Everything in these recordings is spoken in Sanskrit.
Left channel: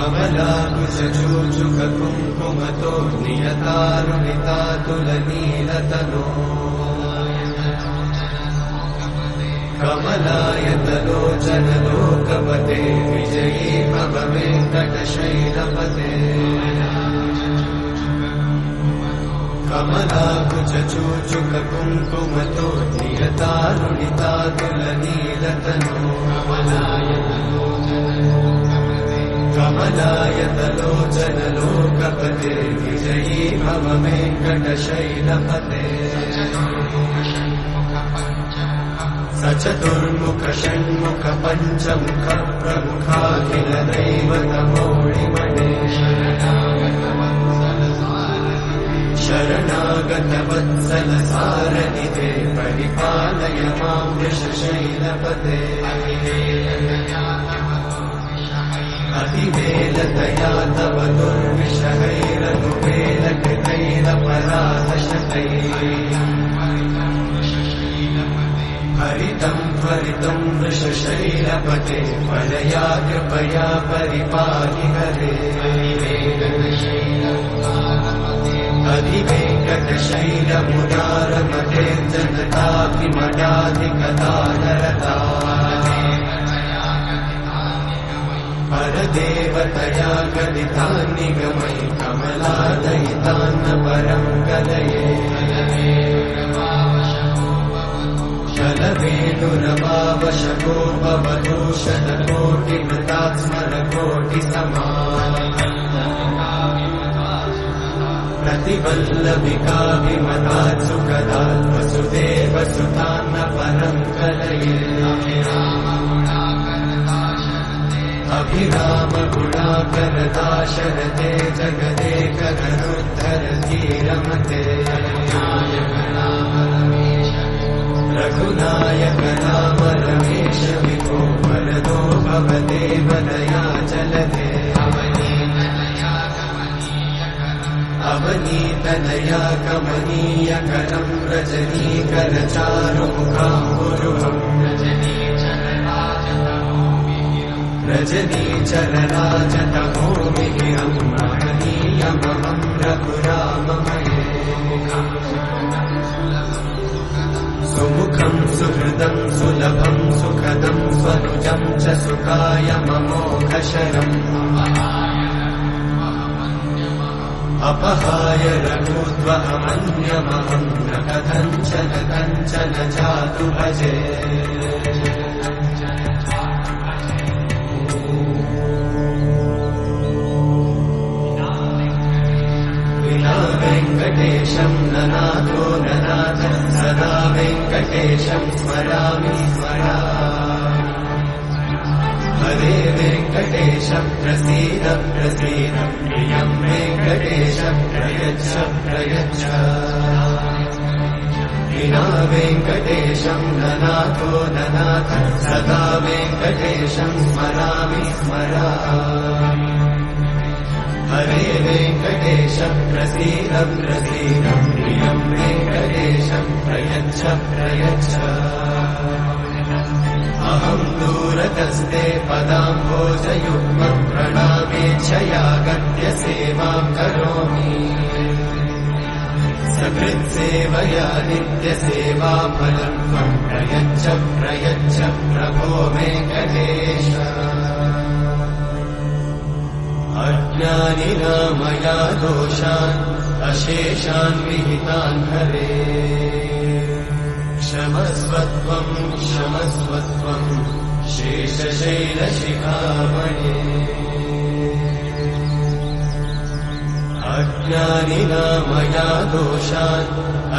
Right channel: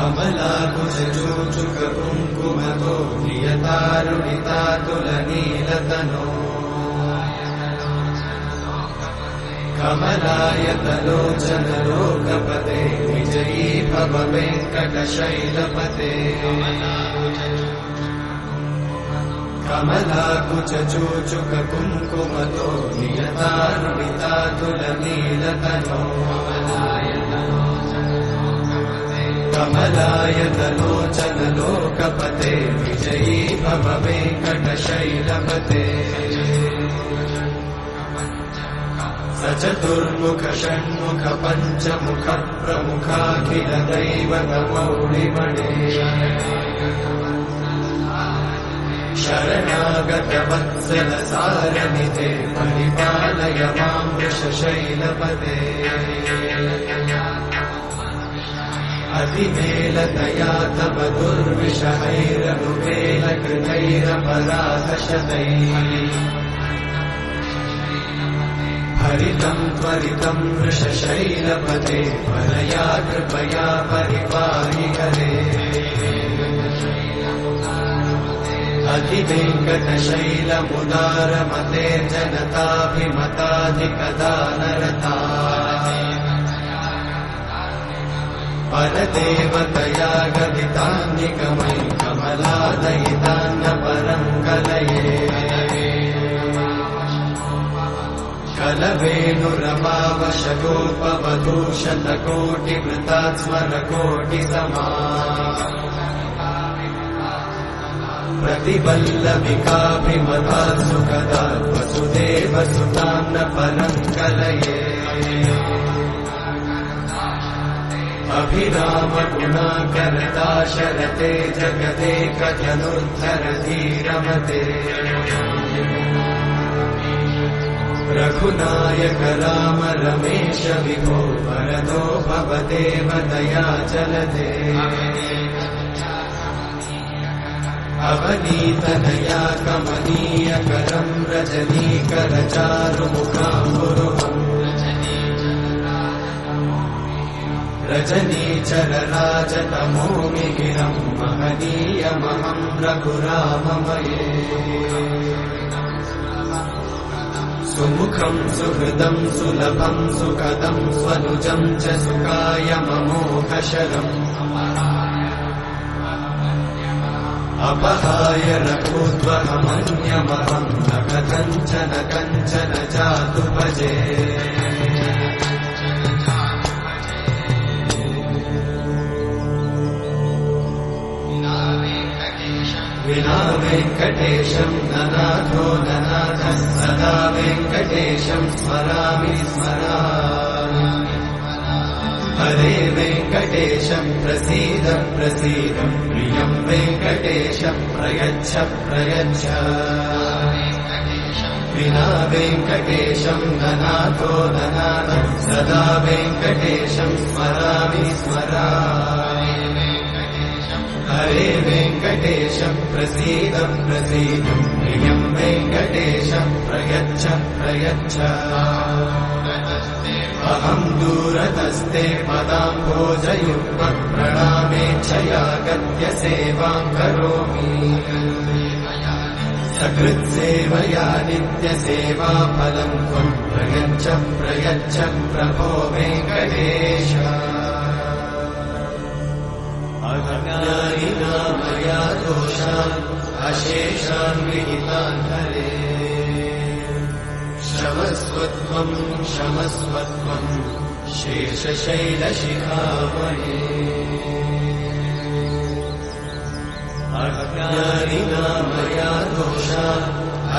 कमलाकुचूचुककुङ्कुमतो नियतारुणितातुलनीलतनो कमलायतलोचनलोकपते विजयी भव वेङ्कटशैलपते कमलाकुचूचुककुङ्कुमतो नियतारुणितातुलनीलतनो कमलायतलोचनलोकपते विजयी भव वेङ्कटशैलपते स चतुर्मुख षण्मुख पञ्चमुख प्रमुखाखिल दैवतमौलिमणे शरणागत वत्सल सारनिधे परिपालय मां वृषशैलपते अतिमेलतया तव दुर्विषहैरनुमेलकृतैरपराधशतैः हरितं त्वरितं वृषशैलपते वरया कृपया परिपाहि हरे अधिवेङ्कटशैलमुदारमते जनताभिमताधिकदानरता परदेवतया गदितान्निगमयि कमलादयितान्न परं कलये कलवेणुरमावशतोपवधूषणकोटिमृतात्स्मरकोटिसमा प्रतिवल्लभिकाभिमतात् सुखदात् वसुदेवसुतान्न परं कलये अभिरामगुणाकरदाशरथे जगदेकधनुर्धरधीरमते रघुनायक राम रमेश विभो वरदो भवदेव दयाचलते अवनीतनया कमनीयकरं रजनीकरचारुमुखाम्बुरुहम् रजनीचरराजतमोमिगिरं महनीयमहं रघुराममये सुमुखं सुहृदं सुलभं सुखदं स्वनुजं च सुखायममोघशरम् अपहाय रघुत्वमन्यमहं न कथञ्चन कञ्चन जातु भजे विना वेङ्कटेशं ननाथो ननाथः सदा वेङ्कटेशं स्मरामि स्मरामि हरे वेङ्कटेशं प्रसीद प्रसीद प्रियं वेङ्कटेशं प्रयच्छ प्रयच्छ विना वेङ्कटेशं ननाथो ननाथः सदा वेङ्कटेशं स्मरामि स्मरामि हरे वेङ्कटेशं प्रसीद प्रसीद प्रियं वेङ्कटेशं प्रयच्छ प्रयच्छ अहं दूरतस्ते पदाम्भोजयुग्मं प्रणामेच्छया गद्यसेवां करोमि सकृत्सेवया नित्यसेवाफलं त्वं प्रयच्छ प्रयच्छ प्रभो वेङ्कटेश अज्ञानिना मया दोषान् अशेषान् विहितान् हरे क्षमस्वत्वं क्षमस्वत्वं शेषशैलशिखामणे अज्ञानिना मया दोषान्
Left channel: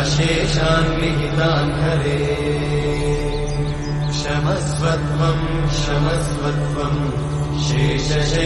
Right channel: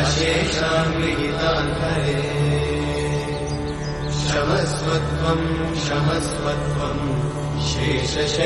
अशेषान् विहितान् हरे क्षमस्वत्वं क्षमस्वत्वं शेषशैलशिखामणे